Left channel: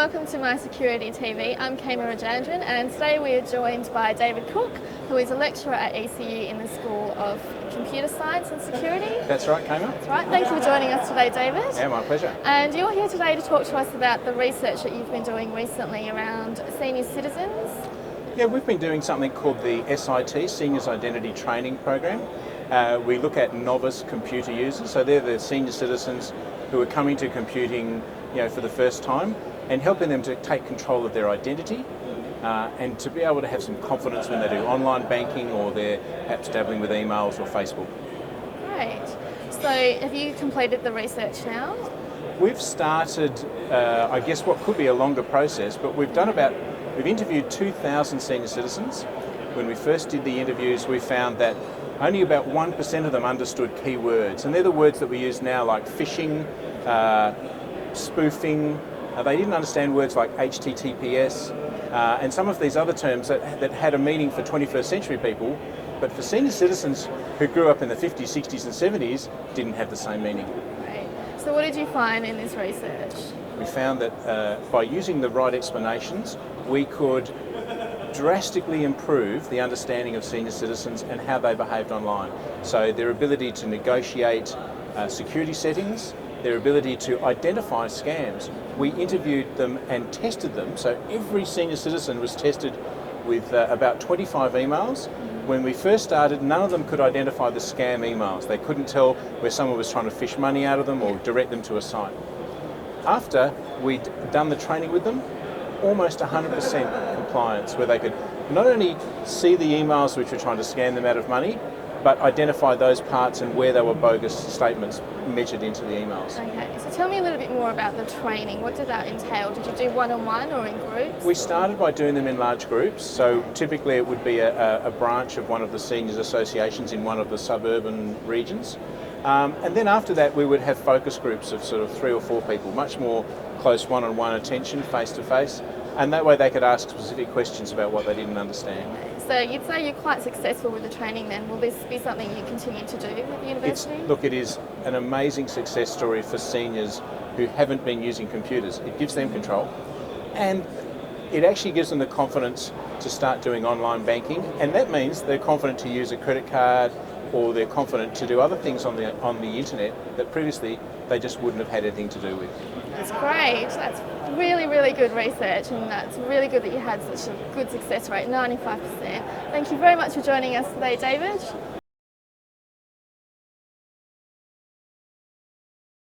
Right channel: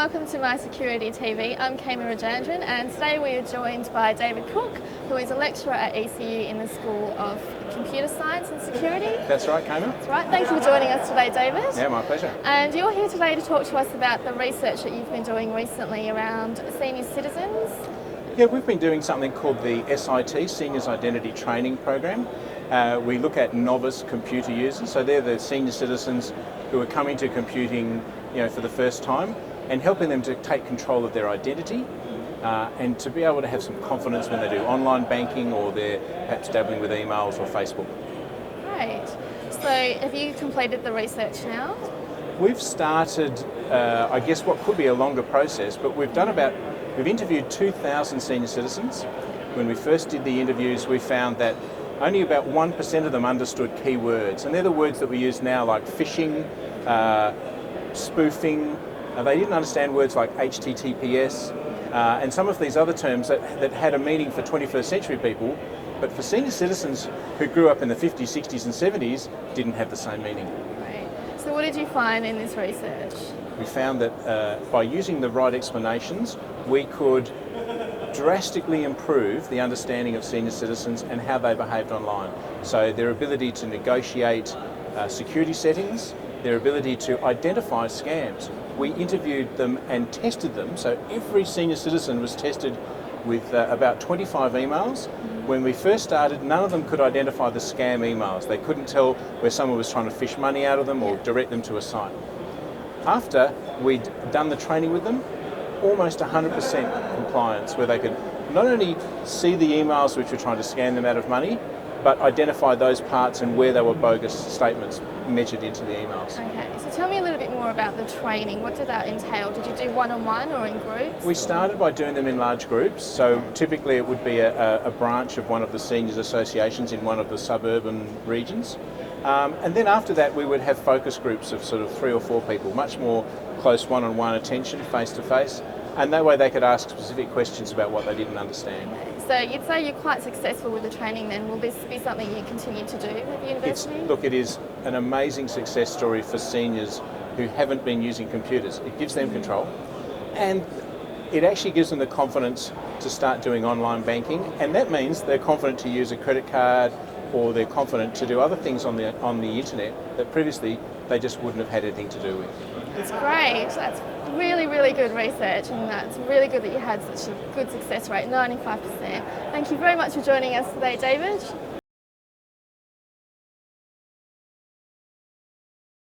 welcome to My Security TV. I'm Kema Rajandran, and today we are joined by David Cook, who is a lecturer at ECU in the School of Computer Science and Security. That's right, Kema. That's right. Thank you for joining us today, David. Yeah, my pleasure. And you're here today to talk to us about the research that you've been doing recently around senior citizens. Yeah, we've been doing something called the SIT, Seniors Identity Training Program. We look at novice computer users, so they're the senior citizens who are coming to computing, for the first time, and helping them to take control of their identity and to be able to have some confidence when they do online banking or they're perhaps dabbling with emails or Facebook. Great. So have you completed the research now? We've started, I guess, what could be a longer process, but we've interviewed 2,000 senior citizens. When we first did the interviews, we found that only about 1% of them understood key words, and they're the words that we use now, like phishing, spoofing. They didn't understand words like HTTPS and some of these other terms that had a meaning for 21st century people, but for senior citizens who grew up in the 50s, 60s and 70s didn't have the same meaning. Right. So what did you find in this research? We found that by using the right explanations, we could drastically improve the understanding of senior citizens and how they behaved online. So their ability to negotiate security settings, their ability to identify scams. We interviewed them and tested them, so every senior citizen was tested with about 25 emails. When we first started, none of them could identify the scam emails. They couldn't tell where someone was trying to fish money out of them or direct them to a site. After we'd done the training with them, almost 100% compliance, where they could not only see the emails which were trying to scam them out of money, but identify those parts and where they were bogus statements mentioned into the emails. Okay, so tell me a little bit more about the training. What did that entail? Did you do one-on-one or in groups? We started by doing them in large groups, so typically it would be a branch of one of the seniors associations in one of the suburban regions. And then after that we would have focus groups of sort of 3 or 4 people, much more close one-on-one attention, face-to-face, and that way they could ask specific questions about what they didn't understand. Okay. So you'd say you're quite successful with the training then. Will this be something you continue to do with the university? Look, it is an amazing success story for seniors who haven't been using computers. It gives them control, and it actually gives them the confidence to start doing online banking, and that means they're confident to use a credit card, or they're confident to do other things on the internet that previously they just wouldn't have had anything to do with. That's great. That's really, really good research, and that's really good that you had such a good success rate, 95%. Thank you very much for joining us today, David.